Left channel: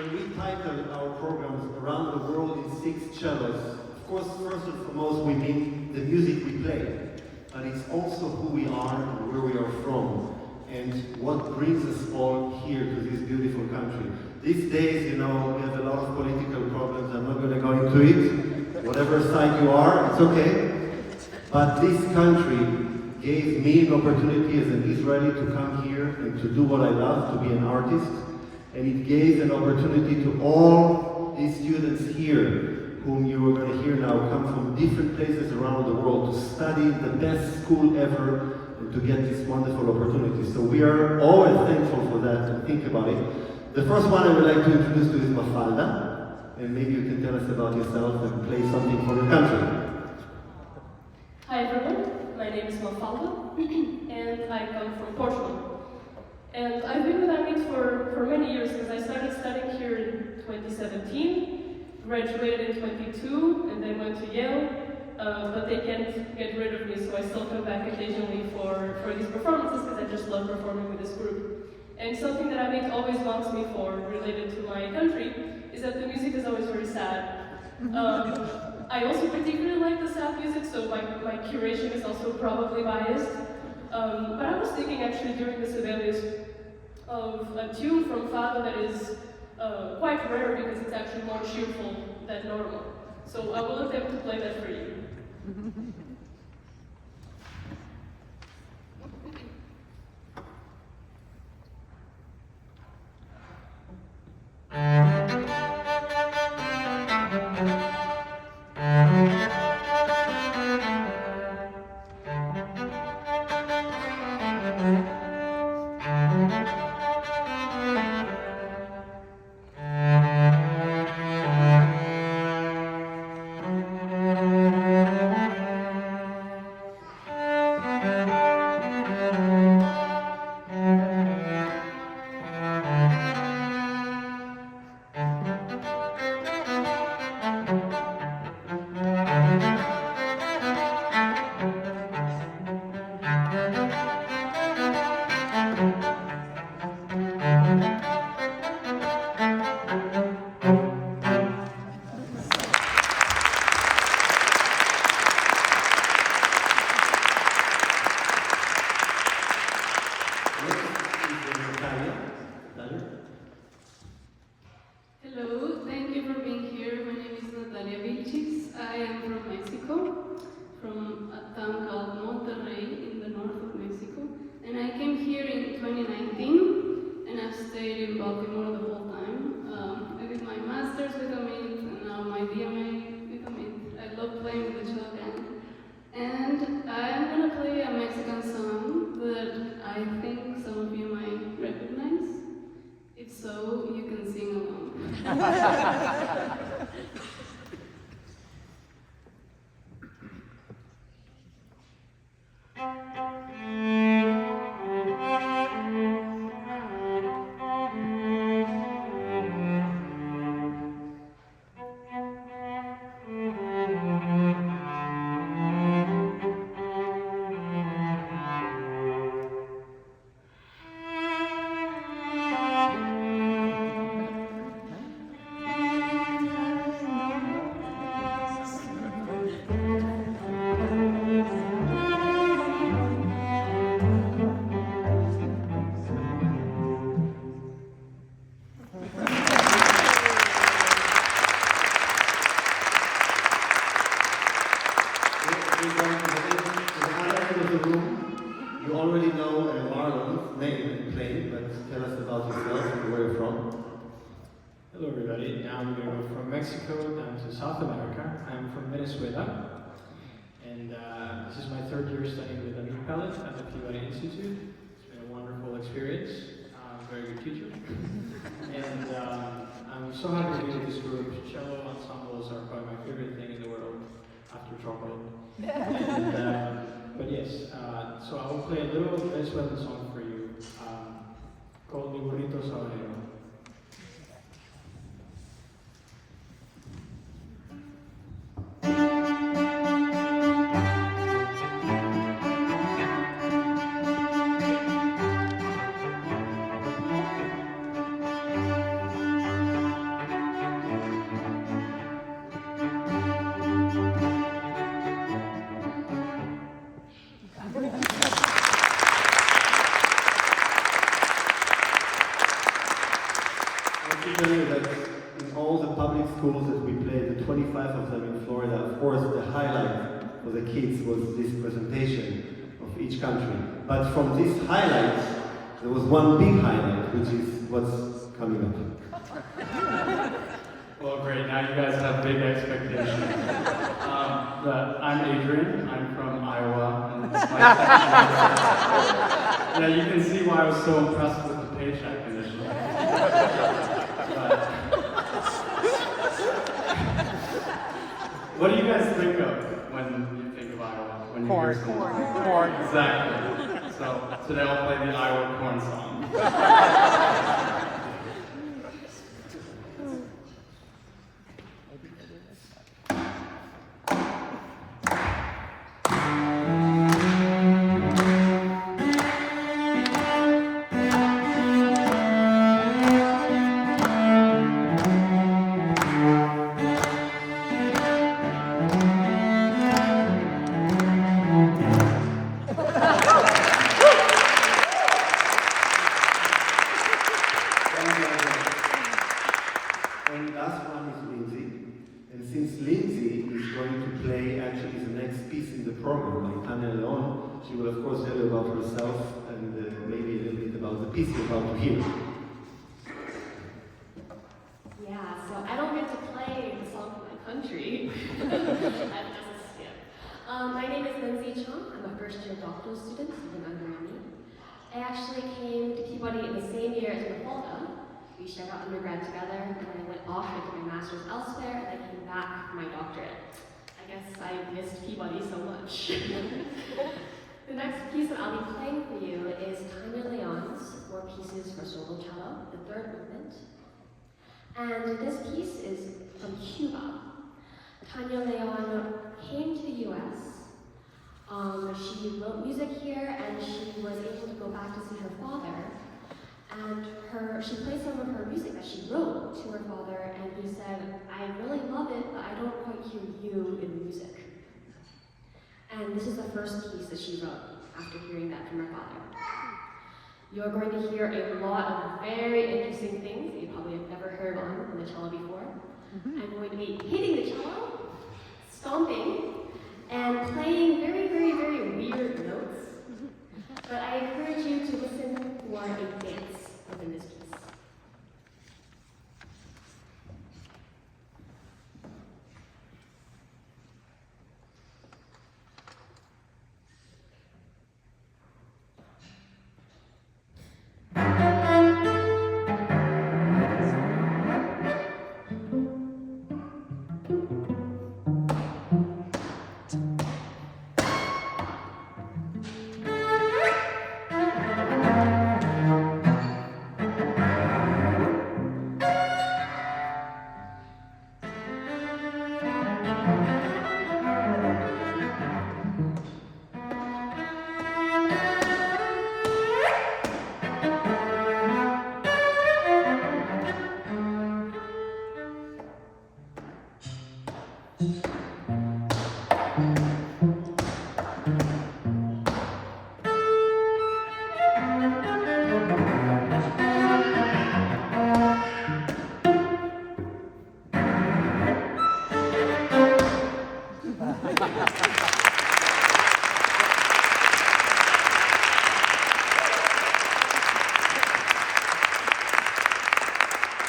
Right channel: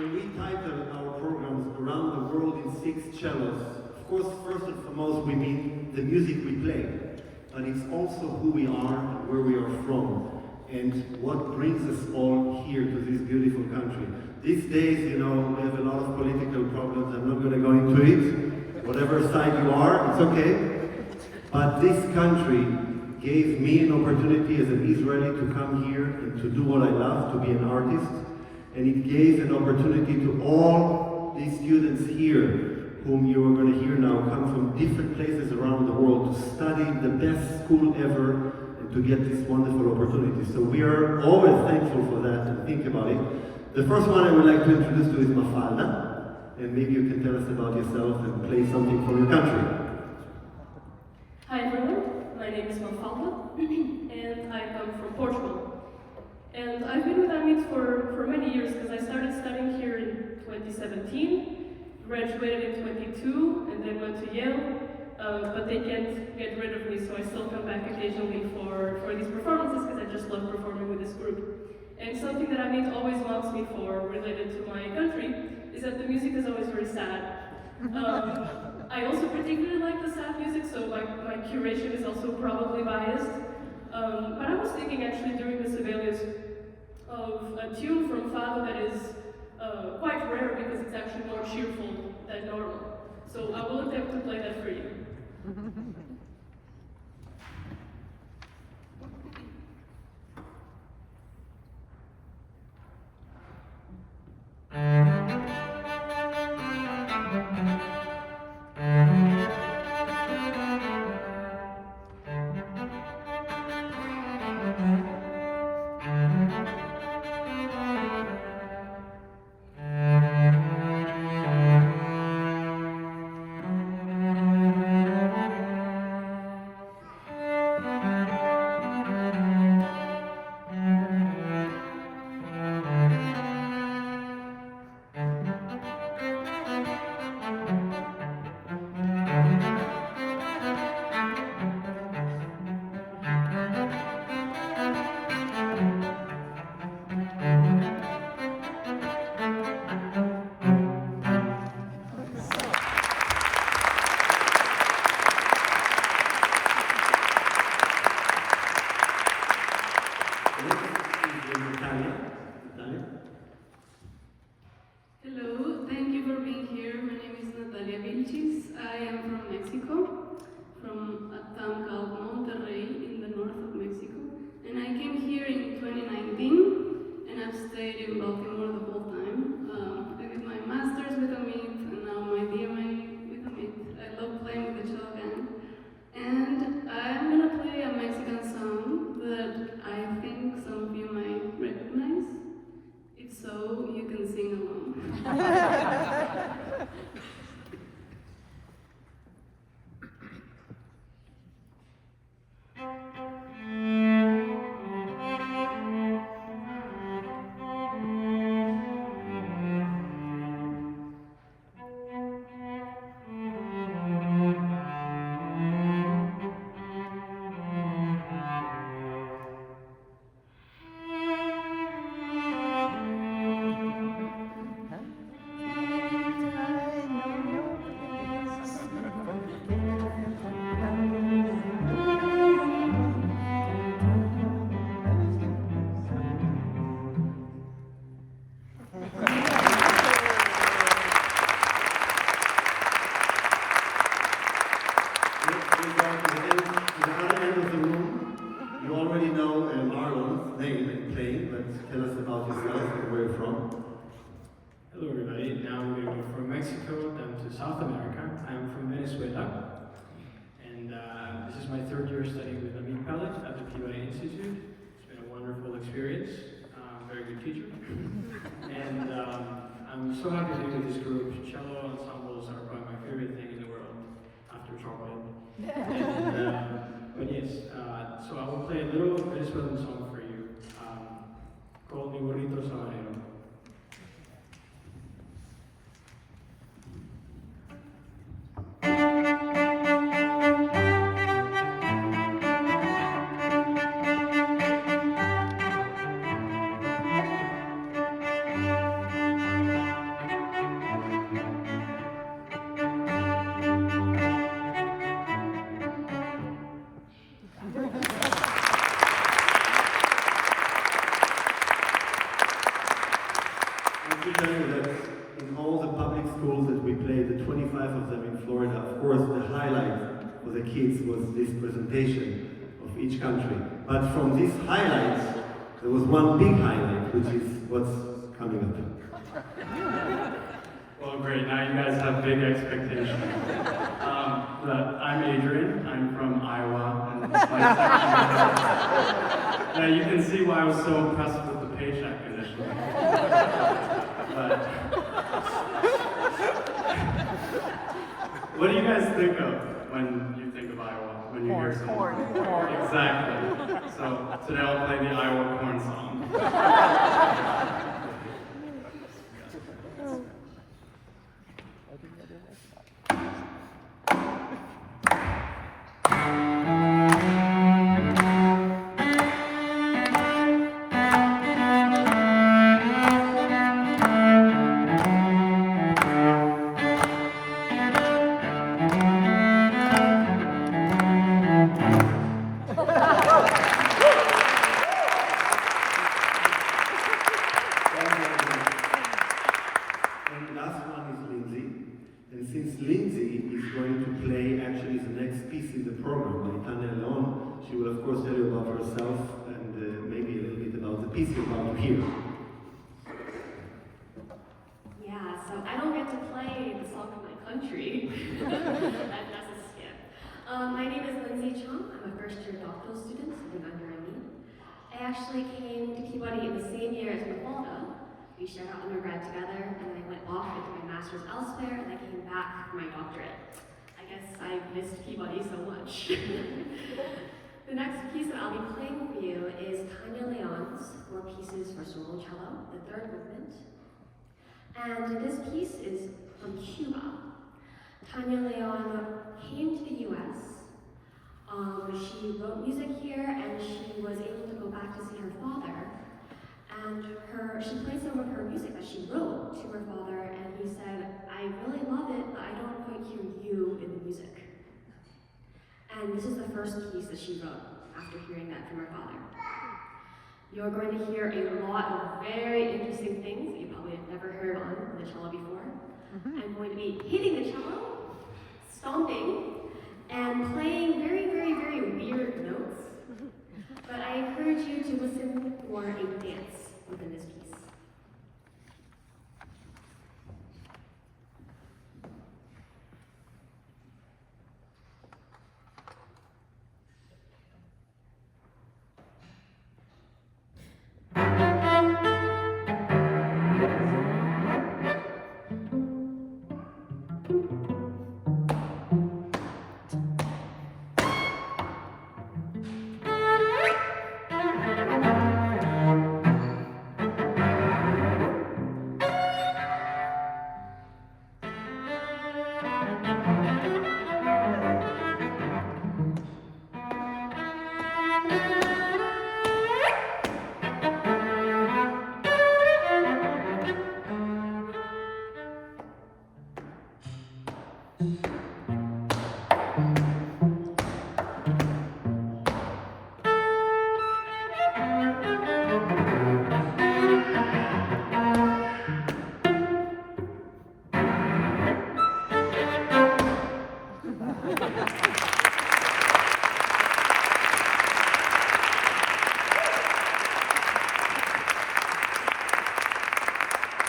when we titled our programs Around the World in 6 Cellos, of course, first and foremost, we mean the music we play, but it's also who we are and where we are from, and what brings us all here to this beautiful country. These days, you know, we have a lot of political problems. I'm not going to go into it. Whatever side you are, it's okay. But this country gave me an opportunity as an Israeli to come here and to do what I love, to be an artist. And it gave an opportunity to all these students here, whom you are going to hear now, come from different places around the world to study the best school ever and to get this wonderful opportunity. So we are always thankful for that and think about it. The first one I would like to introduce to is Mafalda, and maybe you can tell us about yourself and play something for your country. Hi everyone, my name is Mafalda, and I come from Portugal. And I've been with Amit for many years, because I started studying here in 2017, graduated in 22, and then went to Yale, but they can't get rid of me, so I still come back occasionally for these performances, because I just love performing with this group. And something that Amit always wants me for, related to my country, is that the music is always very sad. I also particularly like the sad music, so my curation is also probably biased. But I was thinking actually during this event of a tune from Fado that is quite rare because it's actually more cheerful than normal. So I will attempt to play that for you. Hello, thank you for being here. My name is Natalia Vilchis. I am from Mexico, from a town called Monterrey in the north of Mexico. And I came here in 2019, and I've stayed in Baltimore the whole time. I did my master's with Amit, and now my DMA with Amit. I love playing with the CelloGANG. And I'm going to play a Mexican song that I think some of you might recognize. If so, you can sing along. You already know Marlon's name and play, but tell us about yourself and where you're from. Hello everybody, now we're going to go from Mexico down to South America. I'm from Venezuela, and this is my third year studying with Amit Pellet at the PUA Institute. It's been a wonderful experience, very good teacher. And I'm so happy to be with this group. Cello ensembles are probably my favorite thing in the world, after chocolate. But yes, so I will play a little Venezuelan song for you, called Mi Burrito Sabanero. each country. But from this highlight, there was one big highlight, which is what's coming up. Well, great. Now you guys have big expectations. But I'm Adrian. I'm from Iowa, and it's my second year. Now you can see why I was so impressed with the paycheck initially. But what do you guys think of when you think of Iowa? When you hear something? Corn. Exactly. So today I'll play the Iowa corn song. And last one is Lindsey. And since Lindsey is going to play actually the next piece in the program, Natalia, she will of course tell you about herself and maybe a little bit about the piece you're about to hear. Yeah, so I don't get to play the song in my country. That's a skip. My name is Lindsey Choung. I'm a first-year doctoral student living under me. I actually came to Peabody in the same year as Mafalda. We shared our undergrad together, and I went off and did my master's elsewhere, and I came back for my doctorate. I guess I missed Peabody so much. The next piece that I'll be playing for you is Tanya Leon's Four Pieces for Solo Cello, the third movement. And this piece is from Cuba. Tanya Leon came to the US. She wrote music here, and she was able to go back to see her father. And she played some of her music that she wrote to her father, and he said, I really love it, but I don't quite hear you in the music. And this is the first piece that she wrote after hearing that from her father. You're going to hear a lot of very interesting things that you probably have never heard on the cello before. I'm going to be hitting the cello, stomping, and playing very, very, very weird